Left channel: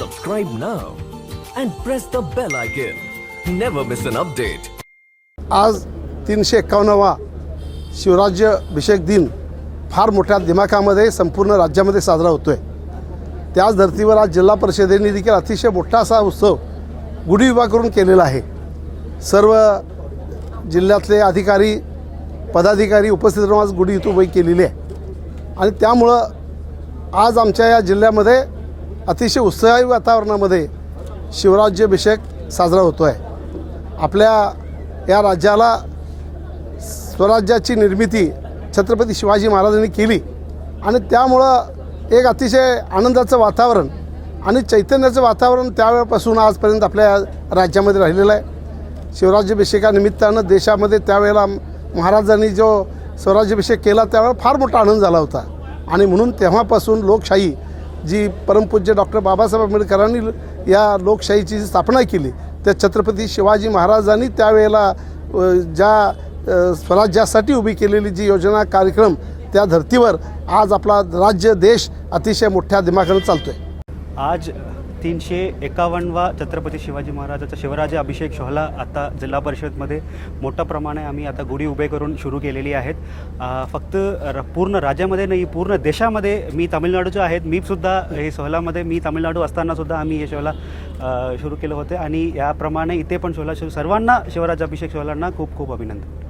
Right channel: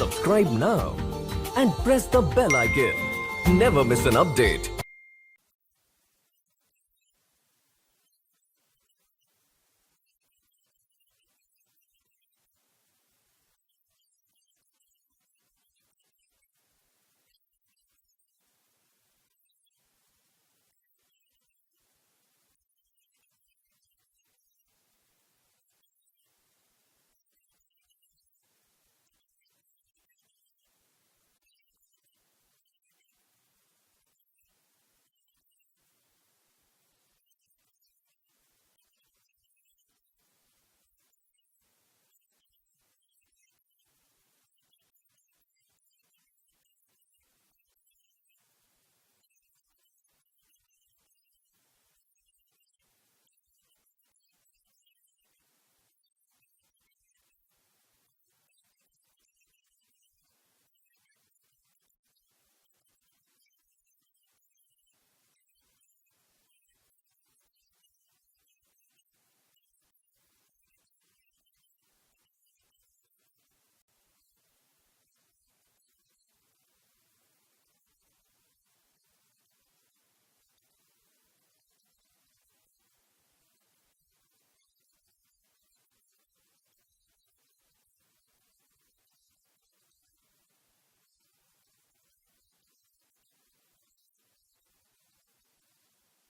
subscribe now and press the bell icon. Never miss an update. आज तीनशे एक्कावन्नवा शिवराज्य अभिषेक दिन फार मोठ्या दिमाखामध्ये संपूर्ण राज्यामध्ये साजरा होतो आहे त्याच धर्तीवर आज जिल्हा परिषदेने देखील अतिशय मोठा असा उत्सव गुढी विभाग करून केलेला आहे सर्व जिल्ह्यातले अधिकारी पदाधिकारी उपस्थित राहून आज गुढी इथं उभी केलेली आहे आणि त्यामुळं आज आमच्या या जिल्ह्यामध्ये अतिशय उत्साही वातावरणामध्ये शिवराज्याभिषेक साजरा होतो आहे आपल्या या राज्याला स्वराज्याची निर्मिती छत्रपती शिवाजी महाराजांनी केली आणि त्यामुळं एक अतिशय आनंदाचं वातावरण आणि चैतन्याचं वातावरण त्यावेळेपासून आजपर्यंत आपल्या राज्यामध्ये राहिलेलं आहे. शिवराज्याभिषेकानिमित्तानं देशामध्ये त्यावेळेला महाराजांनी जो स्वराज्याभिषेक केला त्यावेळेला फार मोठा आनंद झाला होता. आणि म्हणून तेव्हापासून लोकशाही जी परमपूज्य डॉक्टर बाबासाहेब आंबेडकरांनी या लोकशाहीची जी स्थापना केली त्या छत्रपती शिवाजी महाराजांनी त्यावेळेला ज्या स्वराज्यासाठी उभी केलेली जी योजना कार्यक्रम त्या धर्तीवर आज आपला राज्य देश अतिशय मोठ्या दिमाखानं चालतो आहे आज तीनशे एकावन्नवा छत्रपती शिवाजी महाराजाचा शिवराज अभिषेक सोहळा आता जिल्हा परिषदमध्ये. मोठ्या प्रमाणे आम्ही आता गुढी उभे करून सुरू केलेली आहेत. फक्त र- पूर्ण राज्यामध्ये नाही पूर्ण देशामध्ये मी तामिळनाडूचे आहेत. मी सुद्धा हे सोहळामध्ये मी तामिळनाडू असतानासुद्धा आम्ही हे सोहळा सुरू केलं होते. आणि याप्रमाणे इथे पण सोहळा सर्वांना शिवराज अभिषेक सोहळांना खूप खूप अभिनंदन.